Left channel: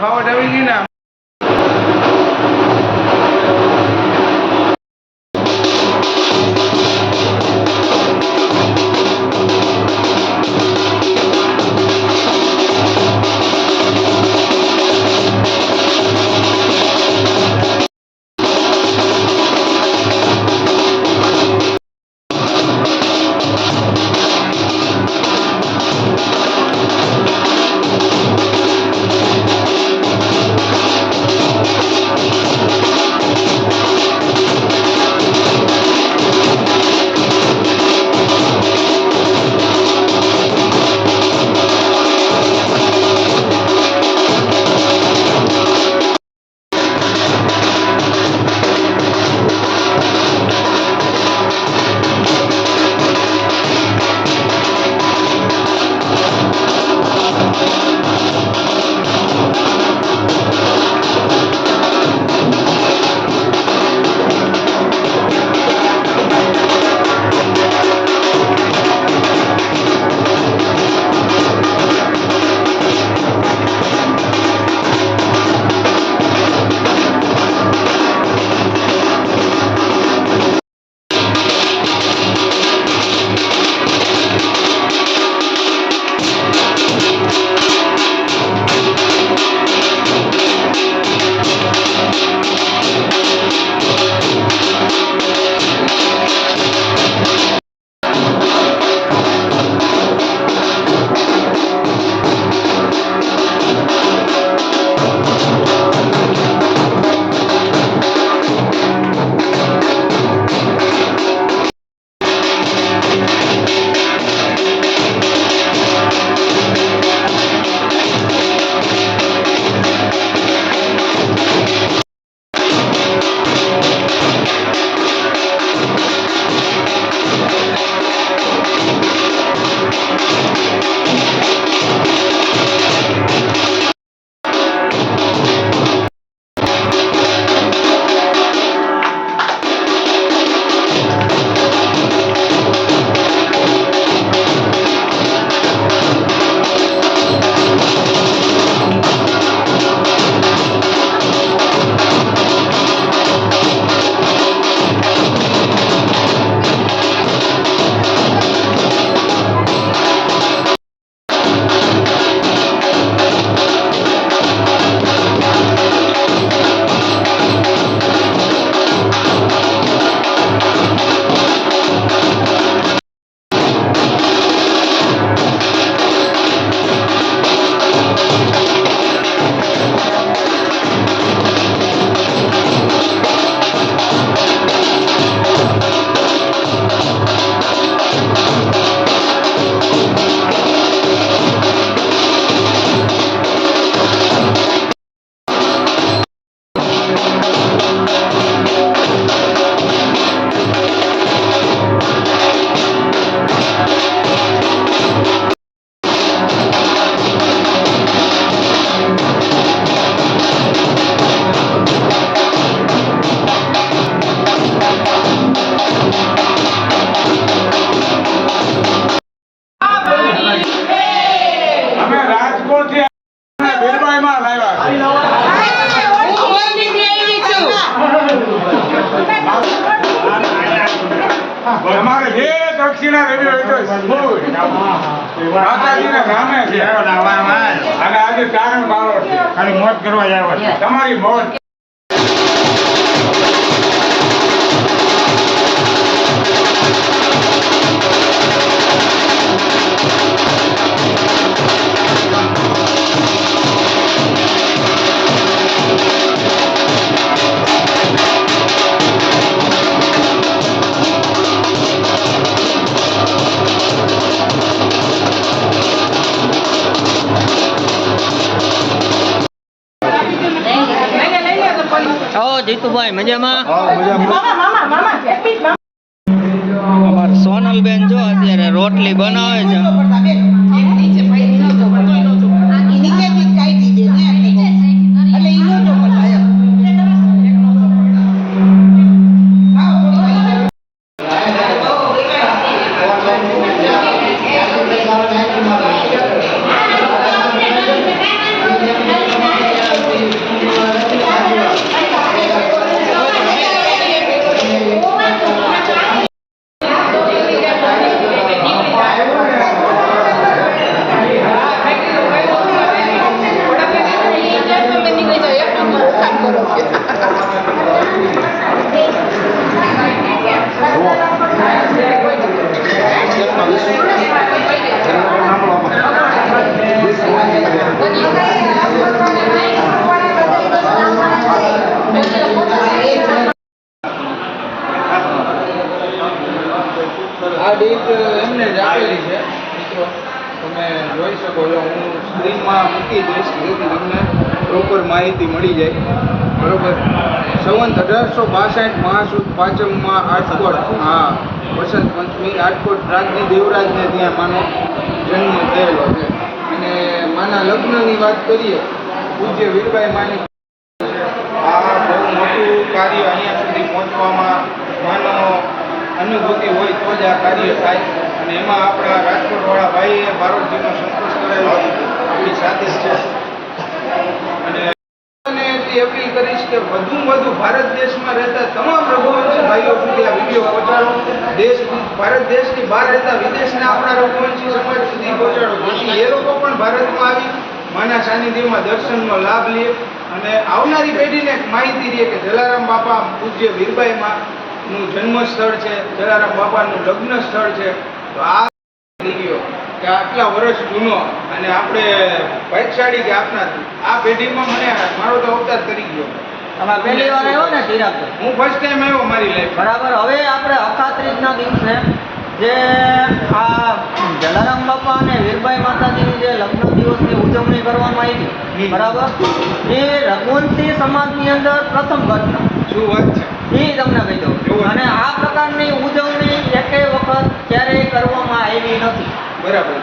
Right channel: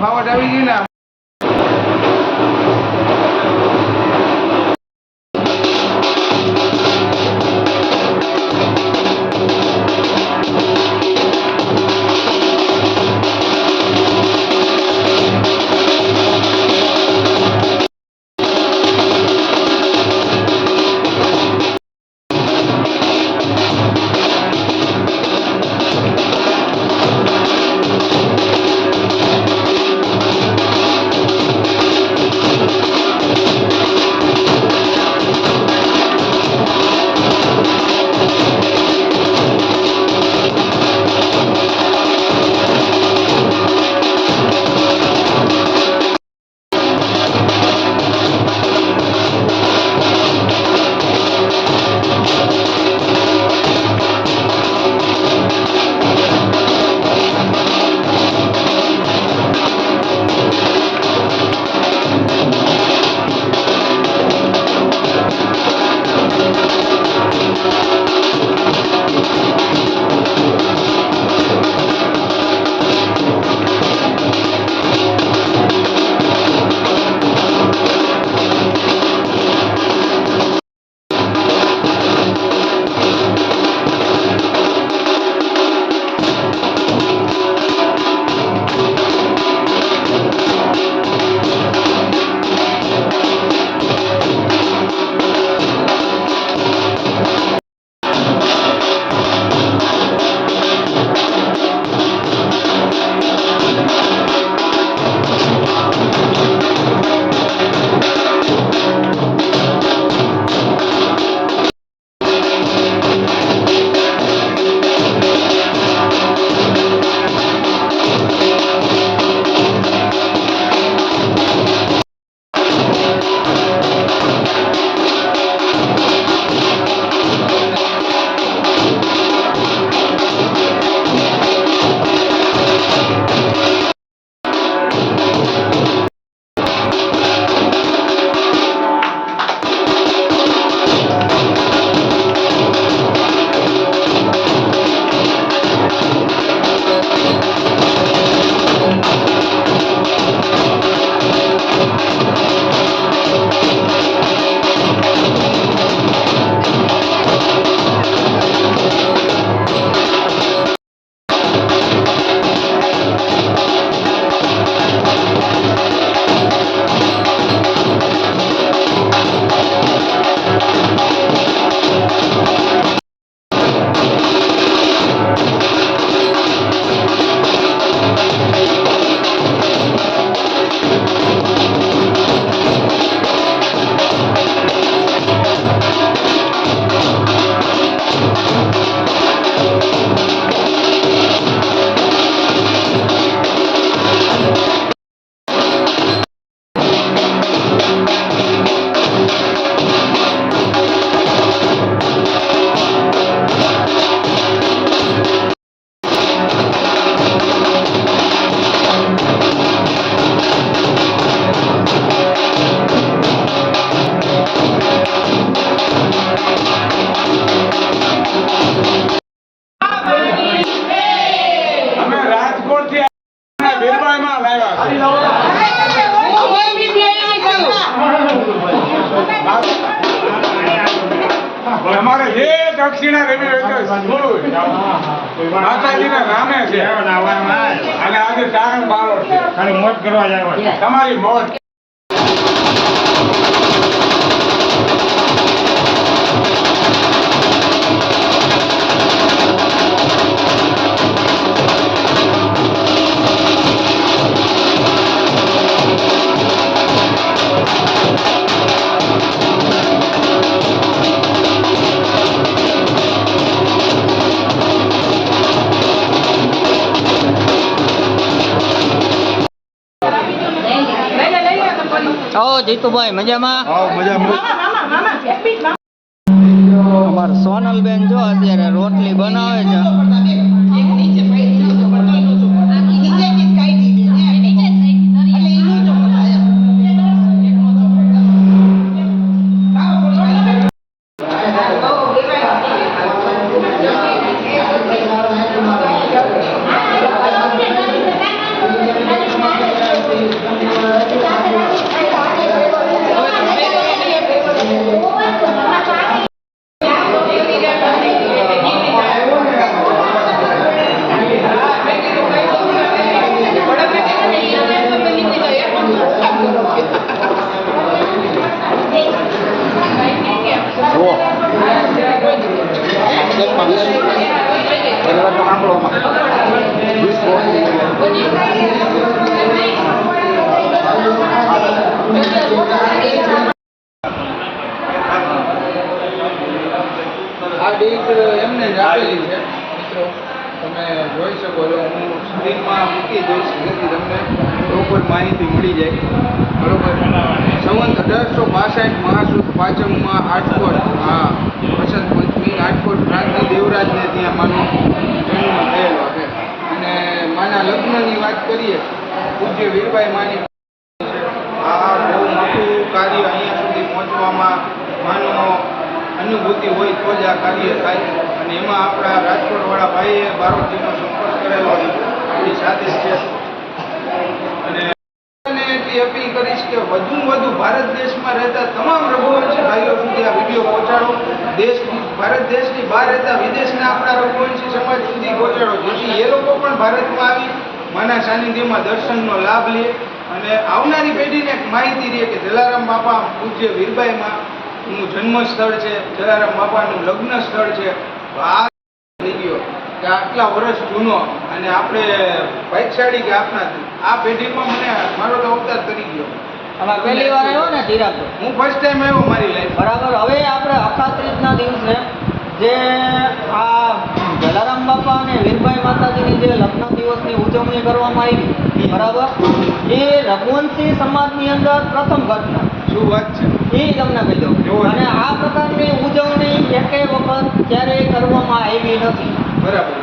ફાવટ આવી ગઈ ને તમારે જે દક્ષિણા રવિ હોય તો સ્કૂલ માતાજીને નામે છે અને આજે તારણ બારો છે મોજ કરવા જાવ તમારી મોજ જીતુભાઈ મજામાં? મજામાં. અમાર સોનલબેન જો અત્યારે રોટલી બનાવે છે. આ ડેટ એમને જ આપેલી છે મિત્રો, તમે જોઈ શકો છો. હું સ્ક્રીનમાં મૂકી દઈશ જેથી તમને પ્રોપર માહિતી મળી જાય. બરોબર. સંવંત 1862 મહાસુદ પાંચમમાં આટકોટ, વસંત પંચમી આટકોટ રાજની દેવરાજને ત્યાં માનો જન્મ થયેલો છે. અને માના લગ્નની વાત કરીએ, પૂજ્ય વીરબાઈ માની આ બહુ મોટું કાર્ય અહીંયા સુધી પહોંચવામાં માનો અનુભૂતિ હોય તો જ આ કાર્ય થાય. અને એમાં આપણા રાજકોટવાળા ભાઈએ ભારતજીનો સંતોષ કરેલો આપણી સાથે જ છે. અને એટલી અપીલ કરીશ કે વધુમાં વધુ ભારત દેશમાં રહેતા તમામ રઘુવંશી ભાઈઓ સુધી આ વિડીયો પહોંચાડો. ભારત દેશની બહાર રહેતા વિદેશના આપણા રઘુવંશી સમાજ સુધી પહોંચાડો, જેથી એ લોકો પણ ભારતમાં આવી માના સાનિધ્યમાં દર્શનનો લાભ લે અને આવનારી પેઢીને માહિતી રહે કે જલારામ બાપા પૂજ્ય વીરબાઈમાં નું જન્મ સ્થળ છે, જલારામ બાપાનું લગ્ન સ્થળ છે. તો આ થઈ ગયો કે આટલા વર્ષ જૂનો અને આપણે ભાગ્યશાળી કે આપના આ પેઢીમાં મને મારો તો અવતાર કરી ગયો. તમે પહેલી વાર આવ્યો ને ચિરાગભાઈ? હું ફર્સ્ટ ટાઈમ આવ્યો મારી લાઈફ. બરાબર. હવે આપણે અખાત્રીજના દિવસે જે આ જલારામ બાપા અને વીરબાઈ માતાજીની જે લગ્ન દિવસની ઉજવણી કરવામાં આવી, બરાબર, એ રઘુવંશી સમાજની અંદર પ્રથમ ઘટના. શું વાત છે એ તમને કહી દઉં. અને આ પ્રકારની ઉજવણી એકેય વખત ક્યારેય કરવામાં આવી નથી. બરાબર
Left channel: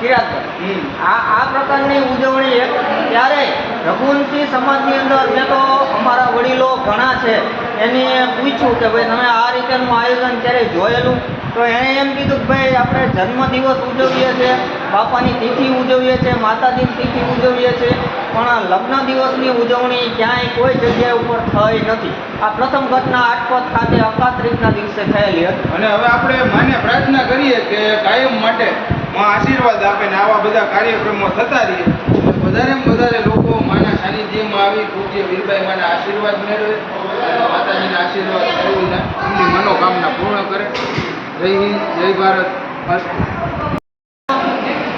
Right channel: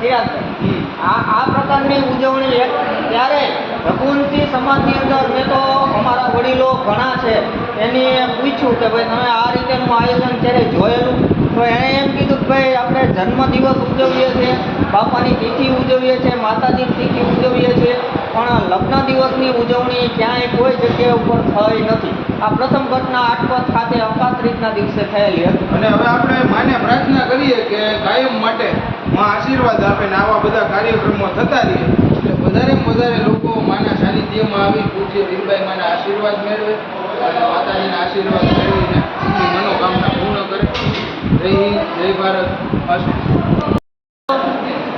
ચિરાગભાઈ, આ પ્રકારની ઉજવણી ક્યારેય રઘુવંશી સમાજની અંદર મેં તો અમારા વડીલો ઘણા છે એને પૂછ્યું કે ભાઈ તમે આ રીતેનું આયોજન ક્યારેય જોયેલું? તો એણે એમ કીધું કે ભાઈ આપણે જન્મદિવસ ઉજવીએ છીએ, બાપાની તિથિ ઉજવીએ છીએ, માતાજીની તિથિ ઉજવીએ છીએ, પણ લગ્ન દિવસની ઉજવણી ક્યાંય કોઈ જગ્યાએ ઉપર થઈ નથી. આ પ્રથમ ઘટના આટકોટ ખાતે અખાત્રીજના દિવસે થયેલી હતી. અને હવે આપણે માને પ્રાર્થના કરીએ કે કાયમ માટે માં આશીર્વાદ આપે ને આવા બધા કાર્યક્રમો થતા રહે, એટલે વધારેમાં વધારે લોકો માના સાનિધ્યમાં આવી પૂજ્ય વીરબાઈ માના આશીર્વાદ મેળવે અને માતાજીના આશીર્વાદ મેળવીને એમની મનોકામના પૂર્ણ કરે. જય હિન્દ, જય ભારત.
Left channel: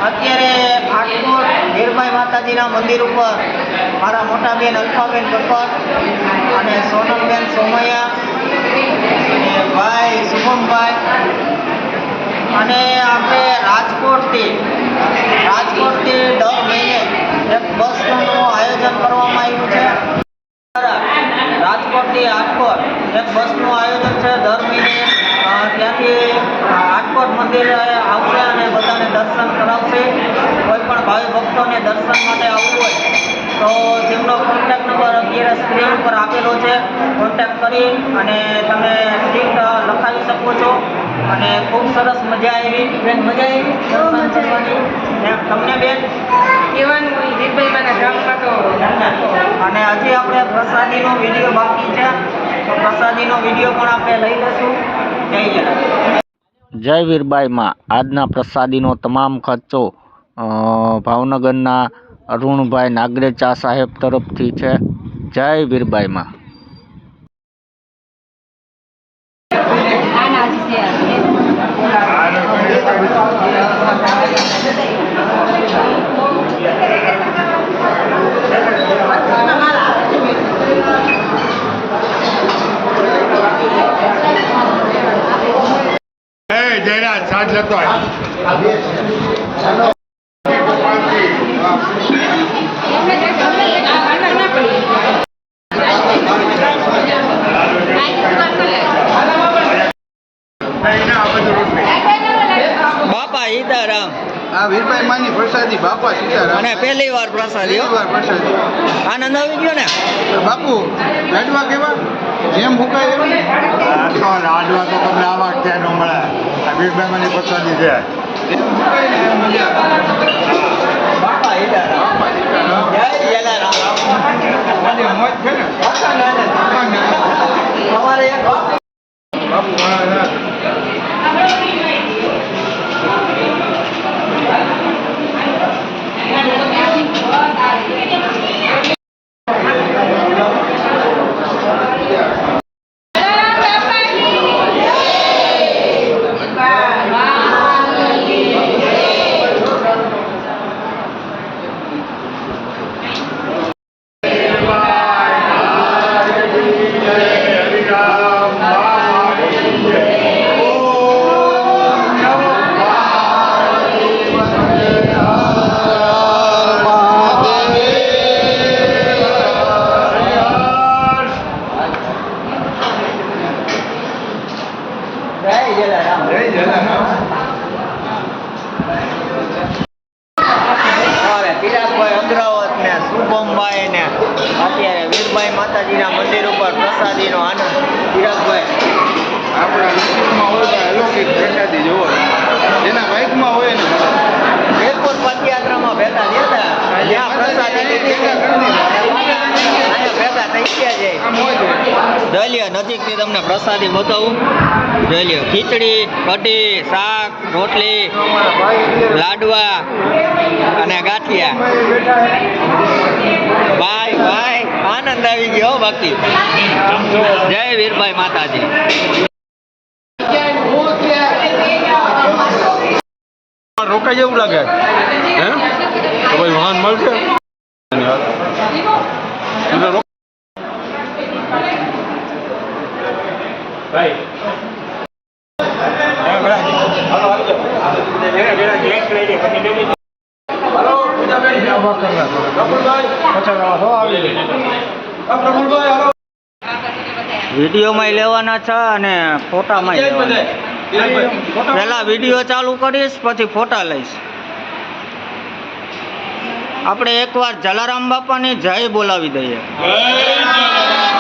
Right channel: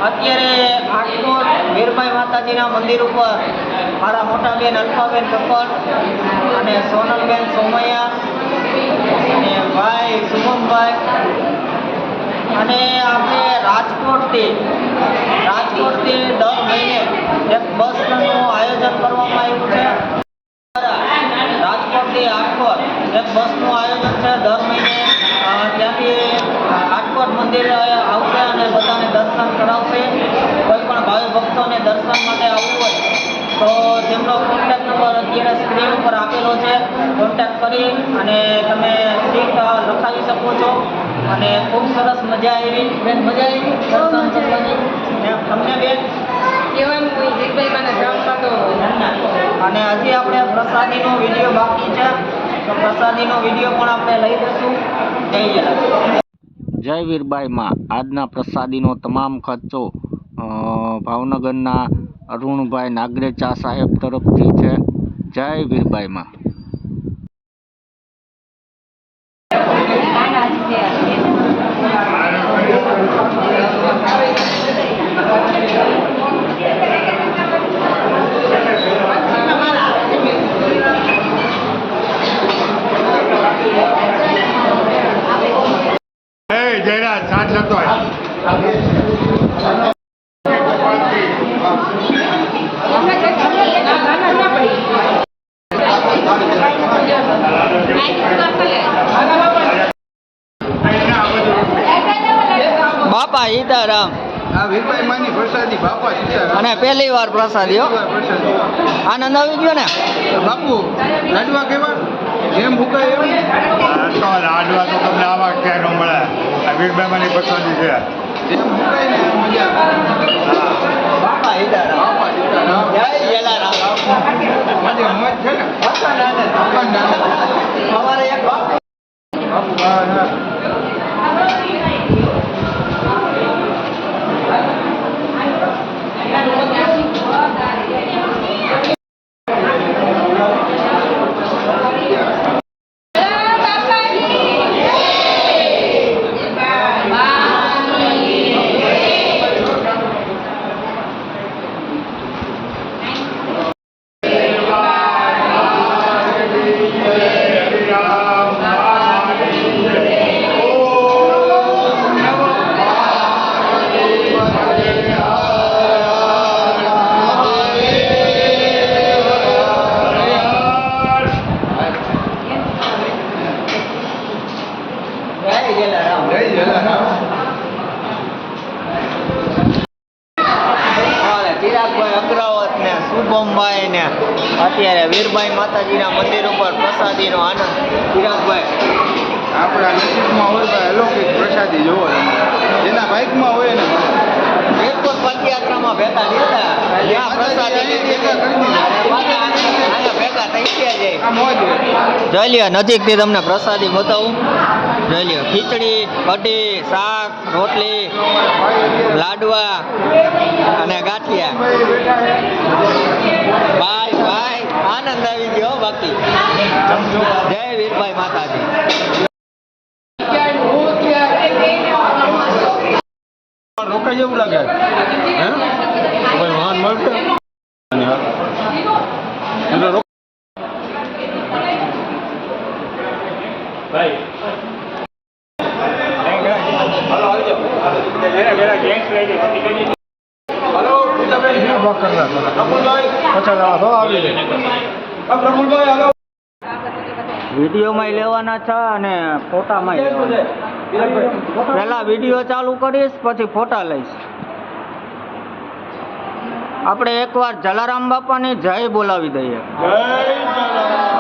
અત્યારે આટકોટ વીરબાઈ માતાજીના મંદિર ઉપર મારા મોટા બેન અલ્ફાબેન કક્કર અને સોનલબેન સોમૈયા અને ભાઈ શુભમભાઈ અને આપણે રાજકોટથી દર મહિને એક બસનું આયોજન કરવામાં આવ્યું છે. રાજકોટથી આટકોટ એક બસનું આયોજન છે. દર મહિને ત્યાંથી આટકોટ મંદિર આવશે અને બધાને દર્શન કરાવશે. કોઈ પણ ભાવિ ભક્તોને દર્શન માટે આવવું હોય તો તેમનો કોન્ટેક્ટ નંબર અત્યારે સ્ક્રીન ઉપર આપેલો છે. કોન્ટેક્ટ કરી અને તમે સીટ લખાવી શકો છો. અને ખૂબ સરસ મજા આવી બેન, મજા આવી દર્શન કરવાની. તમને બેન કહેવાનું હોય વીરબાઈ માના ગામમાં તો. અને હજી આપણે પ્રસાદીનો વિડીયો બાકી છે, તો પ્રસાદીનો વિડીયો પણ આપણે લઈ લઈશું. જય વીરબાઈમાં આજના પ્રસાદીનો તમામ ખર્ચો ભાવનગરના અરુણભાઈ નાગરેચા સાહેબ તરફથી છે. જય વીરબાઈમાં. જયરાજ સાથ લેતો હોય. બાપા સીતારામ. આ વીરભાઈ માની પ્રસાદી બાપા સીતારામ. અને પહેલી વાર પ્રસાદી હો. વાર પ્રસાદી. આનંદ આવી ગયો ને બાપુ લાડવા કેવા જેમ ભૂકાય એમ. તો લાડવા તો તમને આવા ક્યાં ન મળે. આ વીરબાઈમાંની પ્રસાદી છે. જેમ ભૂકાય ને એમ મજા આવે. બાપા સીતારામ. બાપા સીતારામ. જય જલારામ. આજે મોજ છે ને. અખંડ આનંદ. અખંડ આનંદ. અમારે એક બાપુ બાપુ મહારાજ. જય જલારામ. જય જલારામ. અમારે ચિરાગભાઈ અગ્રવત ને શુભમભાઈ ને અત્યારે વીરબાઈ માતાજીના મંદિર ઉપર પ્રસાદીનો આનંદ. ચિરાગભાઈ આપણા નસીબમાં હોય તો અલૌકિક પ્રસાદી જોવો. જેના ભાગમાં હોય ને વીરપુર પદયાત્રામાં ભેગા થયા હતા. ત્યાં પ્રસાદી લીધી હતી. અને પાછા અહીંયા ભેગા થઈ ગયા છે. આ મોજ છે. જોઈ લ્યો નજીકથી તમને પ્રસાદી બતાવું. જોઈ લ્યો ખીચડી, કઢી, શાક, રોટલી, લાડવા અને ગાંઠિયા. ભાઈ ભાઈ આનંદ આવી ગયો બાકી. જય વીરબાઈ માતાજી. રોકાઈ જેવું લાગે. વાહન મળશે. વિડીયોમાં લેવાના છે અને ફોટામાં લેવાના. પહેલા વિડીયો ચાલુ કરીશ પછી ફોટા લઈશ. આપણે એકવાર જલારામ બાપાની જય બોલાવી દઈએ. જય જલારામ.